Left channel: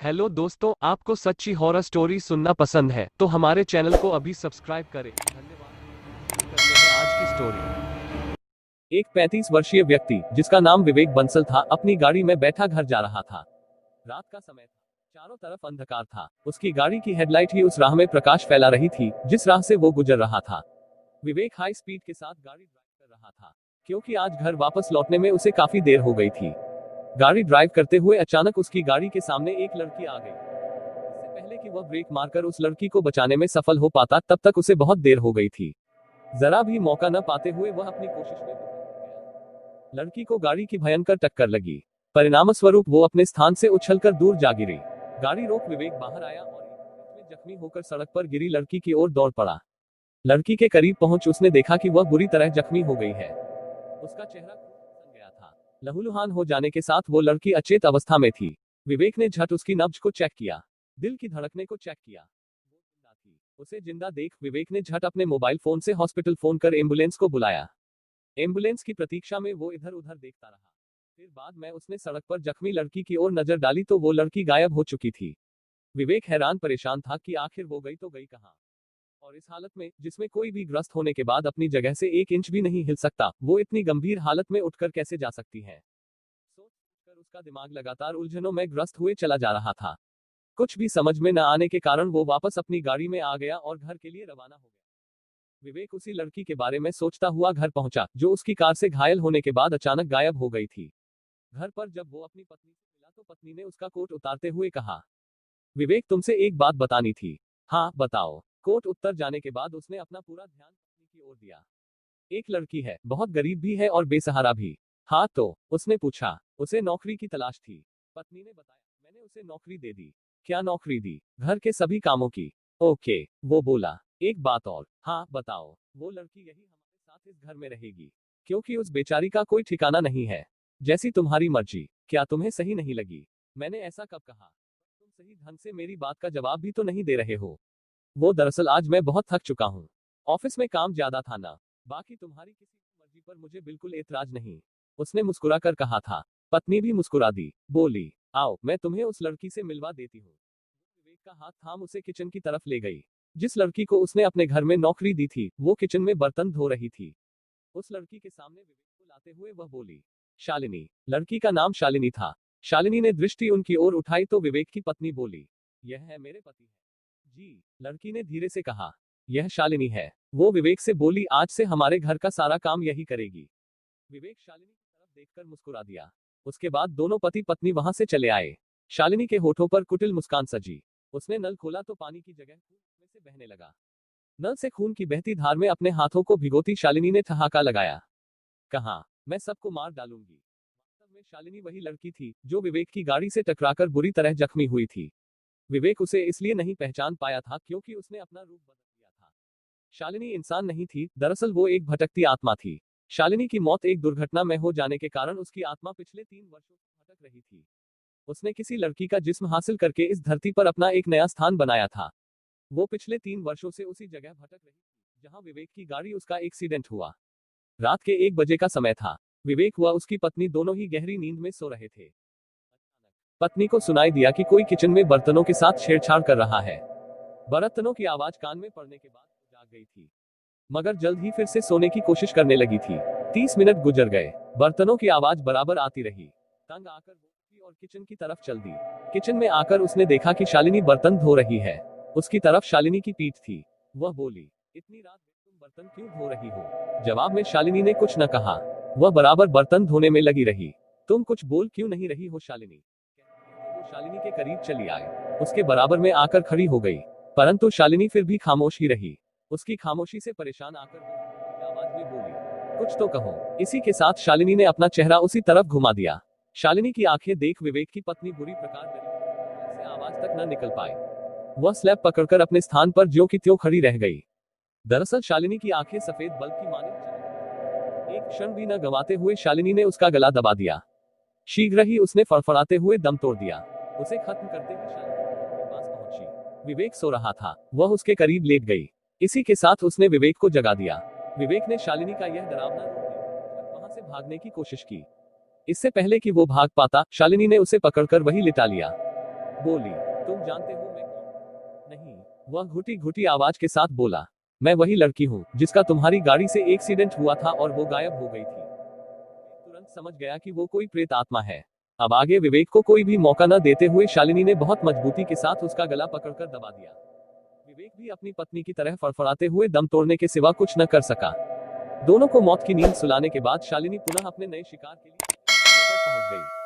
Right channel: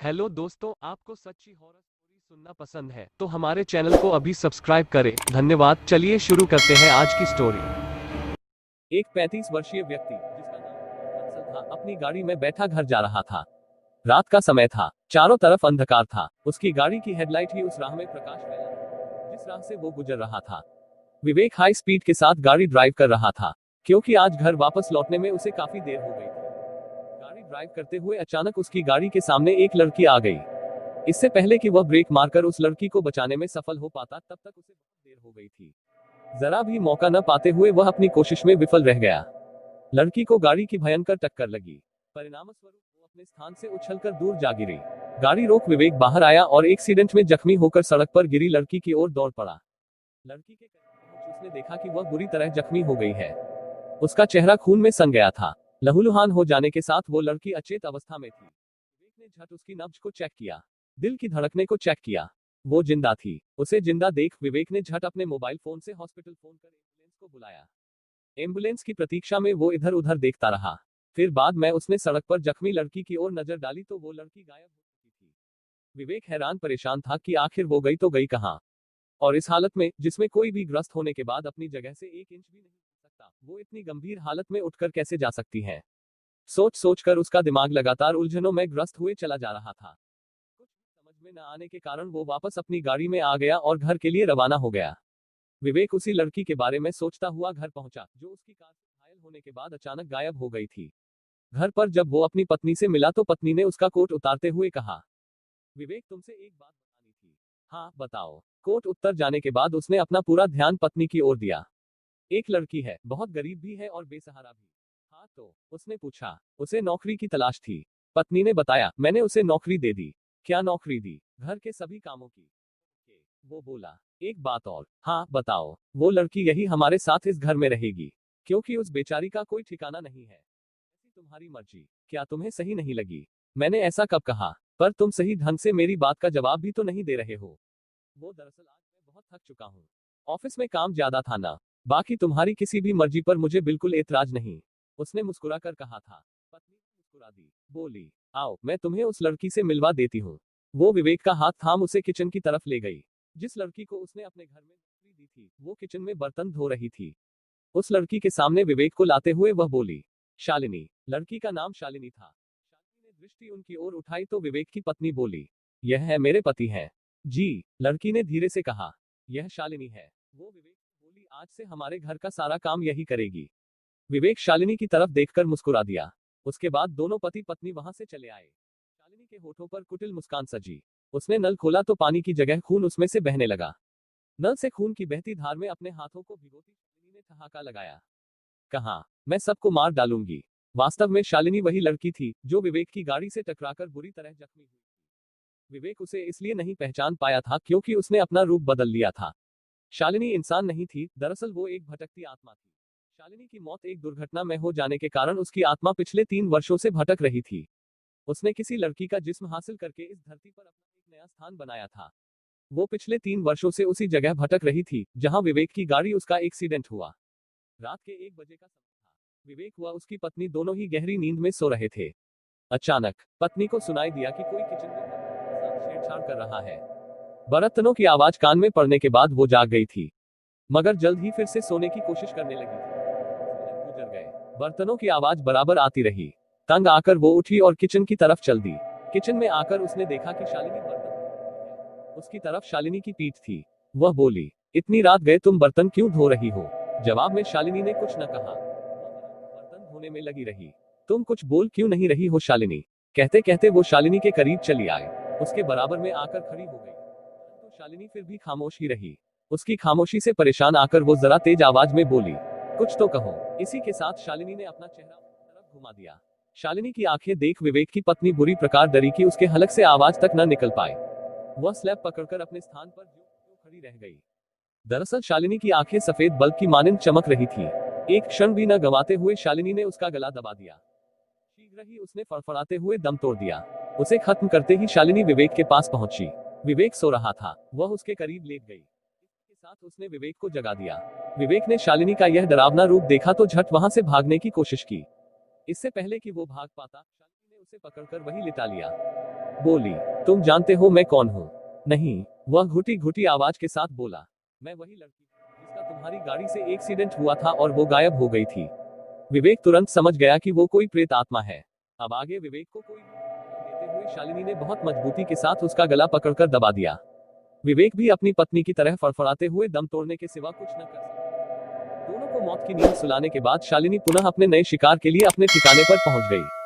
Hello दोस्तों, आपको सच्ची हॉरर स्टोरी सुनना पसंद है तो हमारे चैनल को अभी सब्सक्राइब करें। धन्यवाद। चलिए शुरू करते हैं आज की स्टोरी। एक 35 वर्षीय व्यक्ति जिसका नाम विवेक बंसल था अपनी गाड़ी में बैठा घर जा रहा था। रात का समय था, चारों तरफ अंधकार था। उसकी गाड़ी की हेडलाइट ही उस राह में प्रकाश फैला रही थी जिस राह से वो गुजर रहा था। विवेक हाई स्पीड के साथ गाड़ी ड्राइव कर रहा था क्योंकि आज घर वापस लौटने में उसे काफी देर हो गई थी। गाड़ी ड्राइव करते हुए अचानक उसकी गाड़ी के सामने एक लड़की आ गई। इससे पहले कि वह ब्रेक मारकर उस लड़की को बचाने में सफल हो पाता तब तक उसे बहुत देर हो गई थी। जरा भी मौका न पाते हुए वह अपनी कोशिश में विफल रह गया। लड़की को गाड़ी की भयंकर टक्कर लगी। परिणामस्वरूप वो अपने स्थान से उछलकर दूर जा गिरी। गाड़ी रोक विवेक बाहर आया और एक्सीडेंट में जख्मी होकर सड़क पर गिरी लड़की की ओर दौड़ पड़ा। लड़की के करीब पहुंच उसने देखा कि वह बुरी तरह जख्मी हो गई है। उसका चेहरा खून में सन गया था। लहूलुहान हो जाने के साथ वो लड़की अचेत अवस्था में थी। विवेक ने झट उसकी नब्ज को चेक किया, दिल की धड़कने को चेक किया। वो जिंदा थी। उसे जिंदा देख विवेक ने झट अपने मोबाइल फोन से हॉस्पिटल फोन कर एम्बुलेंस को बुलाया। एम्बुलेंस की प्रतीक्षा में वो इधर उधर देखता रहा। फिर बाद में उसने सड़क पर जख्मी लड़की की ओर नजर डाली तो वो लड़की गायब हो चुकी थी। विवेक हैरान परेशान था कि आखिर वो गई तो गई कहाँ। और इस हालत में जिसमें कोई भी ग्रस्त होने के बाद अपनी जगह से 1 इंच भी नहीं हिल सकता, वो इतनी गंभीर हालत में उठकर कैसे जा सकती है। सोच सोच कर उसका दिमाग लगातार उलझनों में ग्रस्त हुए चला जा रहा था। कुछ भी समझ में न आने के कारण वो वापस अपनी गाड़ी में आ गया और घर के लिए रवाना हो गया। विवेक उसी लड़की के बारे में सोचता हुआ घर पहुंचा जो उसकी कार से घायल होने के बाद अचानक गायब हो गई थी। घर पर जब वो अपनी पत्नी से मिला तो पत्नी ने उसका कोट उतारते हुए कहा, विवेक तुमसे एक बात बतानी थी। हाँ बताओ। कोट उत्तर जाने के बाद उसने अपना पूरा ध्यान पत्नी की ओर दिया। एक लड़की है, बहुत गरीब भी है और बेसहारा भी। हाँ तो, उसने पूछा। उसे नौकरी की तलाश थी। पत्नी ने बताया, मैंने उसे नौकरी दे दी। क्या नौकरी दी? घर के सभी कामों की। ओके, वो बोला। एक बात और। हाँ बताओ। वो लड़की यही हमारे साथ इस घर में रहेगी क्योंकि उस बेचारी का कोई ठिकाना नहीं है। जैसी तुम्हारी मर्जी। क्या तुम्हें सही नहीं लगी? मैंने ऐसा कब कहा? पर तुम सही ढंग से मेरी बात का जवाब भी तो नहीं दे रहे हो। वो दरअसल आज मैं बहुत थक चुका हूँ। ऑफिस में काम ज्यादा था ना। बाकी तुम्हारी किसी भी मर्जी पर मुझे बिल्कुल एतराज नहीं। उसने मुस्कुराकर कहा था। पत्नी भी मुस्कुरा दी, बोली, आओ मैं तुम्हें उस लड़की से मिलवा देती हूँ। वो विवेक का हाथ थाम उसे किचन की तरफ ले गई। जिस लड़की को उसने अपने घर में नौकरी दी थी वो किचन में बर्तन धो रही थी। उस लड़की के सामने विवेक को लाते हुए वह बोली, शालिनी। लड़की का नाम शालिनी था। शालिनी ने दृष्टि उनकी ओर उठाई तो विवेक की पत्नी बोली, यह है मेरे पति हैं। जी, लड़की ने धीरे से कहा। यह शालिनी है। वो विवेक से बोली, आज से हमारे घर का सारा काम यही करेगी। विवेक शालिनी की तरफ देखकर मुस्कुरा दिया। उसके बाद दोनों पति पत्नी वहां से चले आए। शालिनी के होठों पर कुटिल मुस्कान सजी। उसने नल खोला तो पानी की जगह खून उसमें से बहने लगा। नल से खून की बहती धार में अपने हाथों को भिगोती शालिनी ने ठहाका लगाया। कहा, मैं सबको मार डालूंगी। वास्तव में शालिनी वही लड़की थी जो विवेक की गाड़ी से टकराकर बुरी तरह जख्मी हुई थी। विवेक उसे इसलिए नहीं पहचान पाया था क्योंकि उसने अपना रूप बदल लिया था। शालिनी इंसान नहीं थी, दरअसल वो एक भटकती आत्मा थी। शालिनी की मौत एक दुर्घटना में हो जाने के कारण उसकी आत्मा पिछले 3 वर्षों से भटक रही थी। उसने किसी लड़की का जिस्म हासिल करके इस धरती पर अपना एक नया स्थान बनाया था। वो पिछले 3 वर्षों से उसी जगह भटक रही थी जहां विवेक की गाड़ी उसका एक्सीडेंट हुआ। रात के 1 बजे का समय था। विवेक व उसकी पत्नी दोनों ही गहरी नींद में सो रहे थे। अचानक पत्नी को सुनाई दिया कि कोई किचन में बर्तनों के साथ छेड़छाड़ कर रहा है। बर्तनों की आवाज कान में पड़ने के बाद वो जाग गई थी, मगर जल्द ही फिर से सोने की कोशिश करने लगी थी। 30 मिनट गुजर गए। बर्तनों की आवाज बराबर आती रही। तंग आकर वो उठी और किचन की तरफ चल दी। किचन में आकर उसने देखा कि शालिनी बर्तन धो रही है। उसकी तरफ शालिनी की पीठ थी। वह बोली, इतनी रात गए तुम बर्तन क्यों धो रही हो? जवाब में शालिनी ने कुछ न कहा। वह बराबर बर्तन धोने में लगी रही। तुम कुछ बोल क्यों नहीं रही हो शालिनी? कहते कहते वो शालिनी के करीब चली आए। उसके बराबर में आकर खड़ी हो गई। परंतु शालिनी फिर भी खामोश ही रही। उसकी खामोशी से परेशान आकर वो जरा तेज आवाज में बोली, कुछ तो कहो। इसी के साथ शालिनी ने अपना चेहरा उसी तरफ घुमा दिया। शालिनी की आंखें देख विवेक की पत्नी बुरी प्रकार डरी कि उसके हलक से आवाज तक न निकल पाए। वह स्लैब पकड़कर अपने स्थान पर ज्यों की त्यों खड़ी रह गई। दरअसल शालिनी की आंखें सफेद बल्ब की मानिंद चमक रही थी। एक क्षण भी न गंवाते हुए शालिनी ने उसका गला दबा दिया। शीघ्र ही उसने फड़फड़ाते हुए दम तोड़ दिया। उसे खत्म करते ही शालिनी विवेक के पास पहुंची। विवेक सो रहा था। वह उसके करीब लेट गई। इसी के साथ उसने विवेक को जगा दिया। विवेक ने शालिनी का यह डरावना रूप देखा तो झट वहां से भागने की कोशिश की। इससे पहले कि वो भाग पाता, शालिनी ने उसे पकड़कर वहीं लिटा लिया। बोली, तुम जानते हो मैं कौन हूँ? नहीं, वह घुटी घुटी आवाज के साथ बोला, मैं वही लड़की हूँ जिसका तुम्हारी गाड़ी से एक्सीडेंट हुआ था और वो गायब हो गई थी। विवेक तुरंत समझ गया कि वो कोई प्रेत आत्मा है। अब आगे विवेक को कोई भी मौका न देते हुए शालिनी ने बहुत मजबूती के साथ उसका गला पकड़कर दबा दिया। विवेक भी अपनी पत्नी की तरह फड़फड़ाते हुए दम तोड़ने के सिवा कुछ न कर सका। दोनों को मौत की नींद सुलाने के बाद शालिनी पुनः अपने नए शिकार के लिए अपने ठिकाने पर पहुंच गई।